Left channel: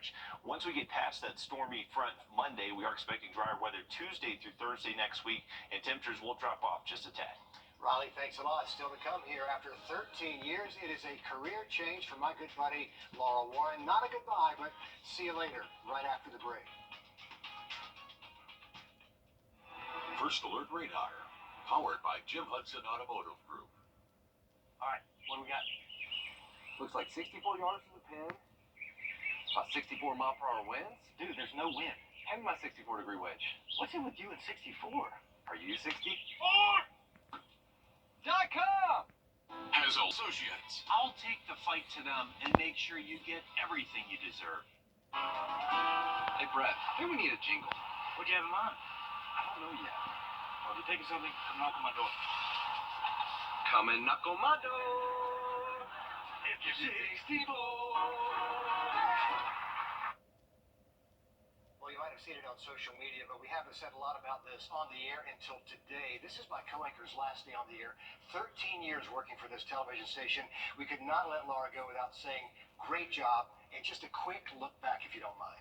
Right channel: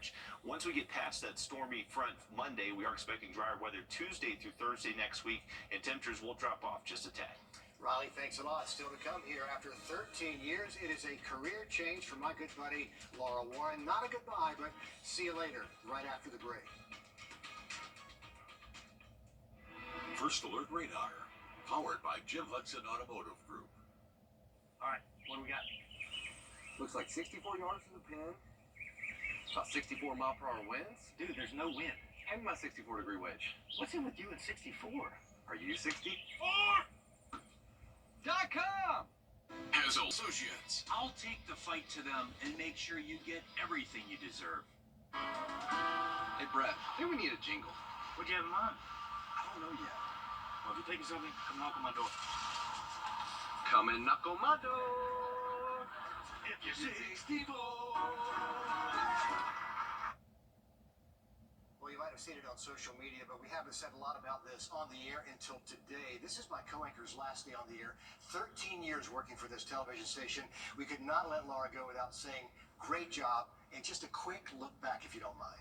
average. Once we get past that stormy front Monday, we are expecting drier weather Tuesday through Thursday next week, and temperatures will drop off just a tad. Riley, thanks a lot. Still to come here after 13 years. It is a career change for my good buddy, Laura Warren. Not a goodbye, but see you later, right after the break. First Alert Radar, powered by Jim Hudson Automotive Group. All right, what do we got? Looks like 64 yards to the pin. About 64 mile per hour winds. Dude, there's no wind. Hand me my 64-degree wedge. What's it with you and 64? Are you 64? .com! Hazel Associates. I'll take the fight to them and make sure you get everything you deserve. Hey, Brett, I think we need a jingle. What do you have in mind? I don't know yet. Well, if you're taking something, come knock on my door. Come and knock on my door. If you're 64. Well, you might have seen it on social media, but we haven't said a lot about this on the air until today. This is my co-anchor's last day on the air. 13 years working for this television station. We could not let Laura go without saying, great job, and just a quick look back, if you don't mind.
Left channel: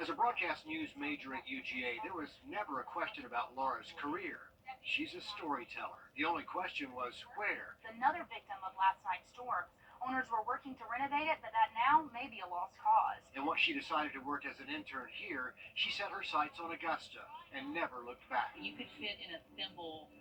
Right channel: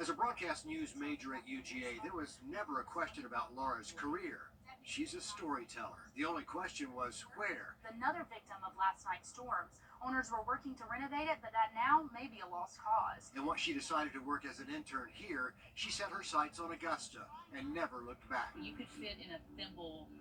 As a broadcast news major at UGA, there was never a question about Laura's career. She's a storyteller. The only question was where. Another victim of last night's storms. Owners were working to renovate it, but that now may be a lost cause. And once she decided to work as an intern here, she set her sights on Augusta and never looked back. You could fit in a thimble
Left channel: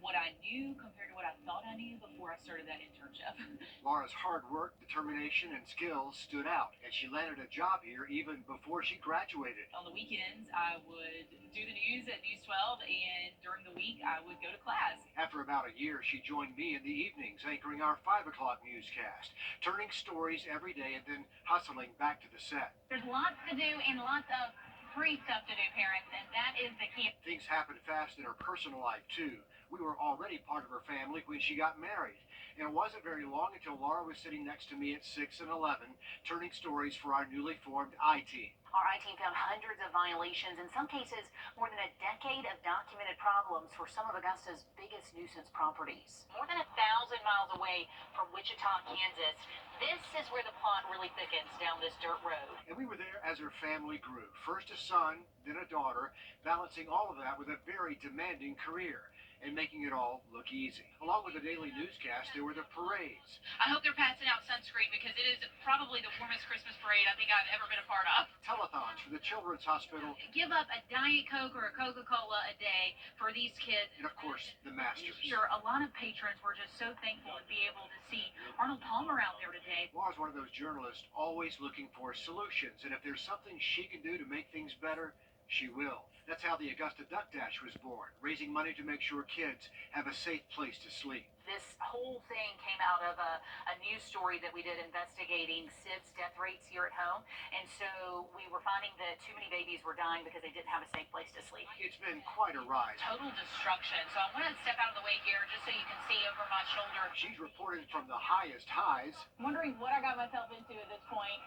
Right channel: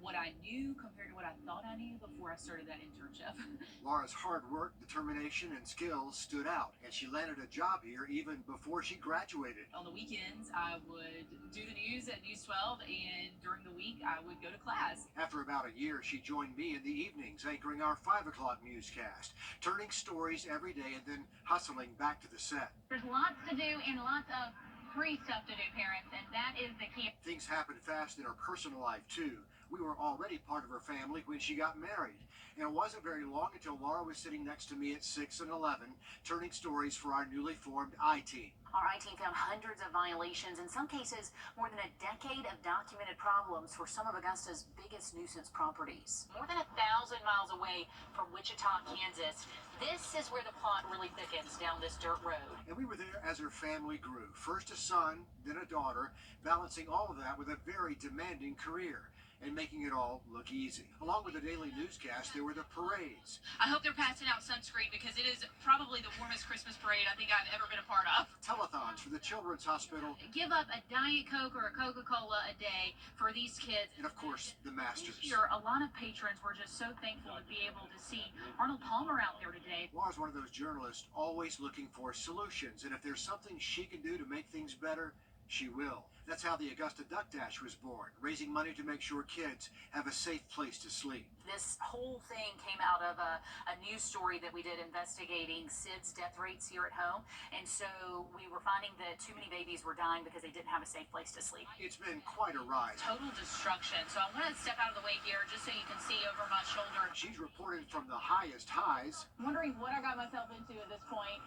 what I knew compared to what I thought I knew before I started that internship. Laura's hard work, determination, and skills stood out, and she landed a job here even before she graduated. On the weekends, I would do the news at News 12, and during the week, I would go to class. After about a year, she joined me in the evenings, anchoring our 5 o'clock newscast, turning stories every day and then hustling back to the set. There's lots to do and lots of free stuff to do, parents, and that is the key. Things happened fast in her personal life, too. We were already part of her family when she got married. And it wasn't very long until Laura was sitting next to me at 6 and 11, turning stories for our newly formed I-Team. Our I-Team found hundreds of violations, in some cases more than a decade of documented problems for some of Augusta's biggest nuisance properties. More than 1,000 miles away from Wichita, Kansas, this is where the plot really thickens down this dirt road. And we were there as her family grew. First a son, then a daughter, balancing all of that with a very demanding career and making it all look easy. Along with the daily newscast, there were the parades. I hope they're passing out sunscreen because it is probably the warmest Christmas parade I think I've ever been a part of. Telethons for the Children's Hospital. Give up a Diet Coke or a Coca-Cola a day for these kids. And of course, the Masters. Sure, a lot of patrons were just so thankful to be able to see Arnold Palmer out there today. Laura's one of those journalists always looking for solutions, and if there's something she can do to make things better, she will. That's how the Augusta Duck Dash was born, raising money to make sure kids have a safe place to sleep. This whole thing came out of a news story that we did investigating SIDS death rates here at home. And so we were finding that too many babies were dying because they didn't have a safe place to sleep. It's been quite a ride. Total destruction. So I want to step out of the way here just so you can see over my shoulder. She's reported from the highest highs. Wondering what I got myself into at this point.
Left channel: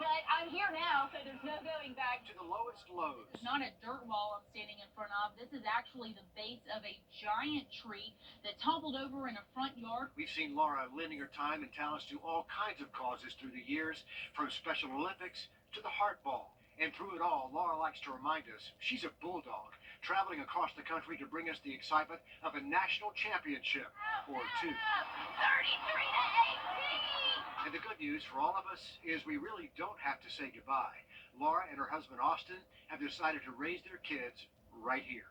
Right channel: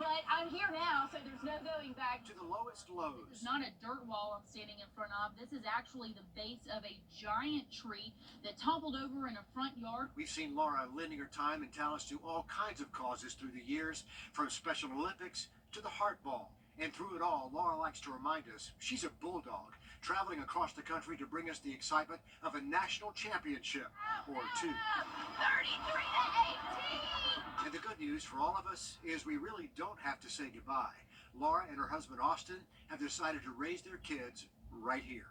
But I'm here now, so there's no going back. To the lowest lows. It's not a dirt wall I'm standing in front of. This is actually the base of a giant tree that toppled over in a front yard. We've seen Laura lending her time and talents to all kinds of causes through the years, from Special Olympics to the Heart Ball. And through it all, Laura likes to remind us she's a bulldog, traveling across the country to bring us the excitement of a national championship or two. 33-18! And the good news for all of us is we really don't have to say goodbye. Laura and her husband Austin have decided to raise their kids right here.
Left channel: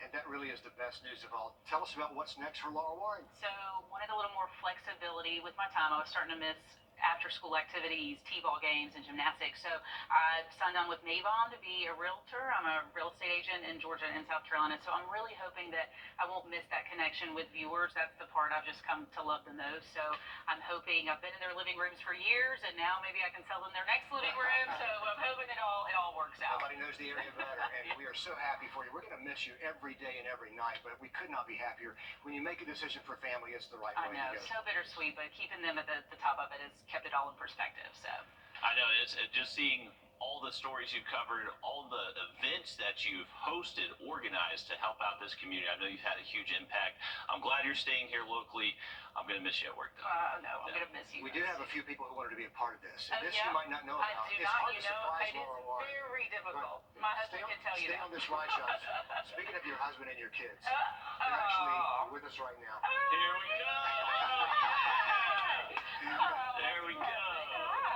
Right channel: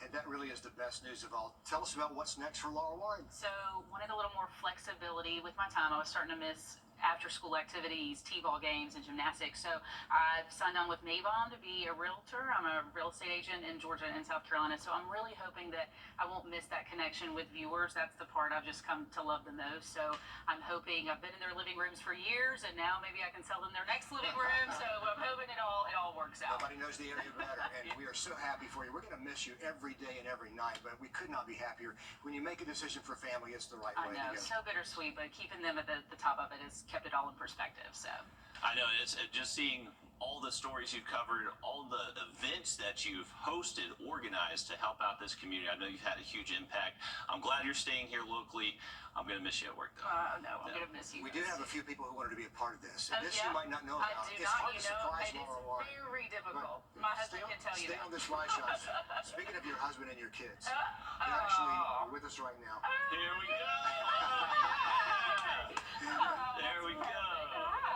And that really is the best news of all. Tell us about what's next for Laura Warren. So wanted a little more flexibility with my time. I was starting to miss after-school activities, T-ball games, and gymnastics. So I signed on with Mavon to be a realtor. I'm a real estate agent in Georgia and South Carolina. So I'm really hoping that I won't miss that connection with viewers. That's the part I've just come to love the most. So I'm hoping, I've been in their living rooms for years, and now maybe I can sell them their next living room. So I'm hoping it all works out. Nobody knows the area better, and we are so happy for you. We're going to miss you every day and every night, but we could not be happier. When you make a decision for family, it's the right way I know, to go. so bittersweet, but keeping them at the top of it has kept it all in perspective. So I know it's just seeing all the stories you've covered, all the events that you've hosted, organized to help out this community. I know you've had a huge impact. I'm glad you're staying here locally. I'm going to miss you at work, though. No, I'm going to miss you. We do have a few people who wanted to be a part of this. Oh, This yeah? you might not know I about. do It's not, hard you to know, surprise it is Laura Warren. very difficult. My husband can tell you Stay that. on this ride shot. Speaking of your husband and your kids, they're actually with us right now. Here we go. There we go.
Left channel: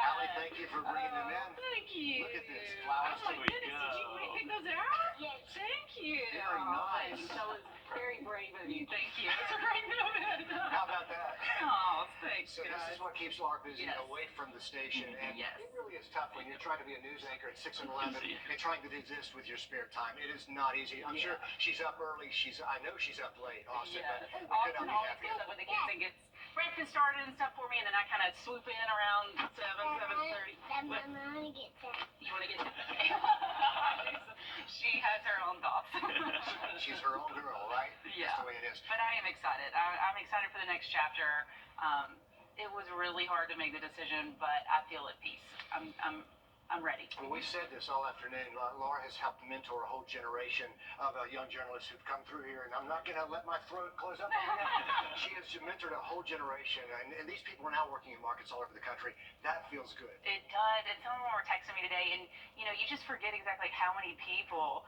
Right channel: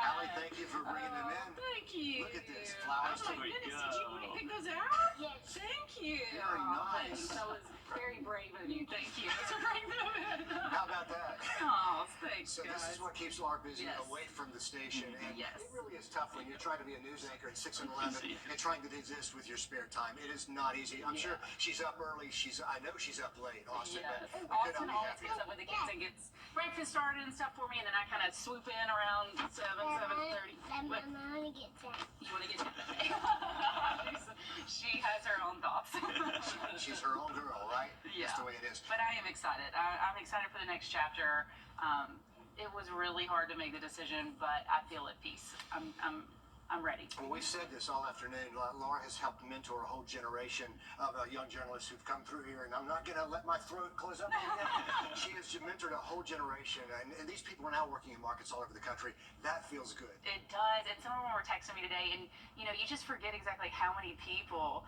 Allie, thank you for bringing them in. Thank you. Look at this. Flowers Oh my to goodness, did you pick those out? Yes. Thank you. Very nice. That was very brave of you. Thank you. It's a great moment. How about that? Oh, thanks, So guys. this is what keeps Laura busy Yes. away from the station, and Yes. it really is tough when you're trying to be a news anchor at 6 and 11 and trying to exist with your spare time. It is not easy. I'm sure she's up early. I know she's up late, Austin. Yes. But we could Austin not be always happier. gets up with the kids and gets breakfast started and stuff for me, and then I kind of swoop in around 7:30. Then my What? mom gets that. You want to get She has her own thoughts. She's her own girl, right? Yeah. That's the way it is. But I am excited. I'm excited for the next chapter. It was really hard to make the decision, but I feel at peace. I'm ready. Well, we've said this all afternoon. Laura has helped mentor a whole generation of young journalists who've come through here, and I'm not going to let my throat close up on that. She has mentored a whole generation, and these people are now working in markets all over the country. That feels good. It does. And some of them were texting me today, and you just forget exactly how many people,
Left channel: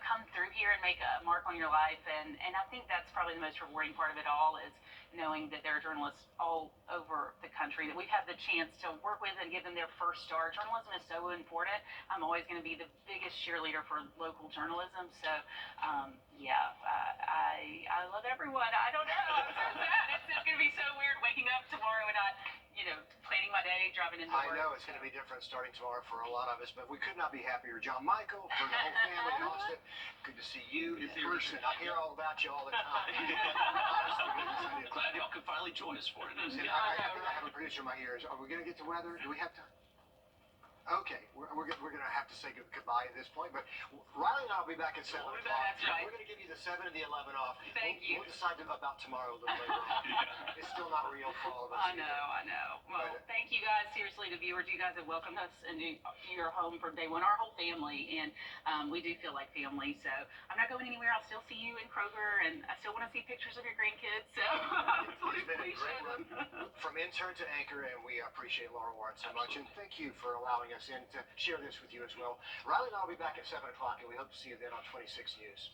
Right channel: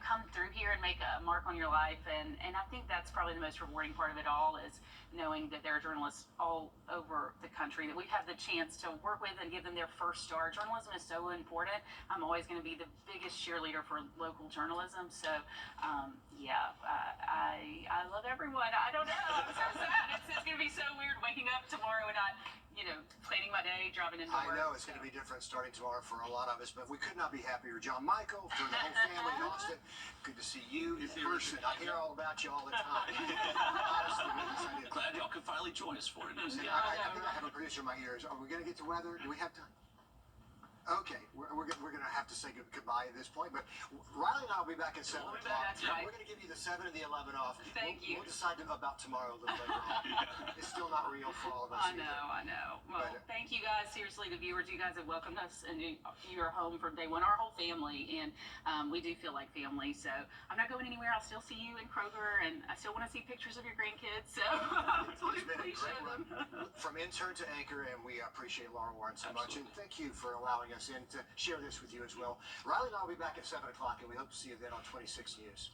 come through here and make a mark on your life. And I think that's probably the most rewarding part of it all is knowing that there are journalists all over the country that we have the chance to work with and give them their first start. Journalism is so important. I'm always going to be the biggest cheerleader for local journalism. So, I love everyone. I don't know. I'm so sad. It's going to be so weird waking up tomorrow and not, planning my day, driving into I work. know it's going to be different starting tomorrow for a lot of us, but we could not be happier. John Michael, for the whole family in Austin, good to see you in person. I hear all about you all the time. Honestly, goodness, I do. Glad y'all could finally join us for it. And I have a producer in my ears. Are we going to get to weather? Do we have time? Okay, we're going to have to say goodbye at this point, but Riley and I will be back at 7 We'll be o'clock. back, that's right. We're going to give you the 7 and the 11 off. Thank you. We'll decide about tomorrow a little later on. It's still not real for all of us. I know. Well, thank you guys. Seriously, the viewers, you guys have welcomed us into your home from day one, our whole family, and we do feel like family. So I'm not going anywhere. I'll still see you in Kroger, and I still want to see pictures of your grandkids. So It's been a please great share them. run from intern to anchor, and we appreciate Laura Warren so much. And thank you for allowing us in to share this with you as well. Riley and I will be back at 7 o'clock, and we hope to see you then on 26 News.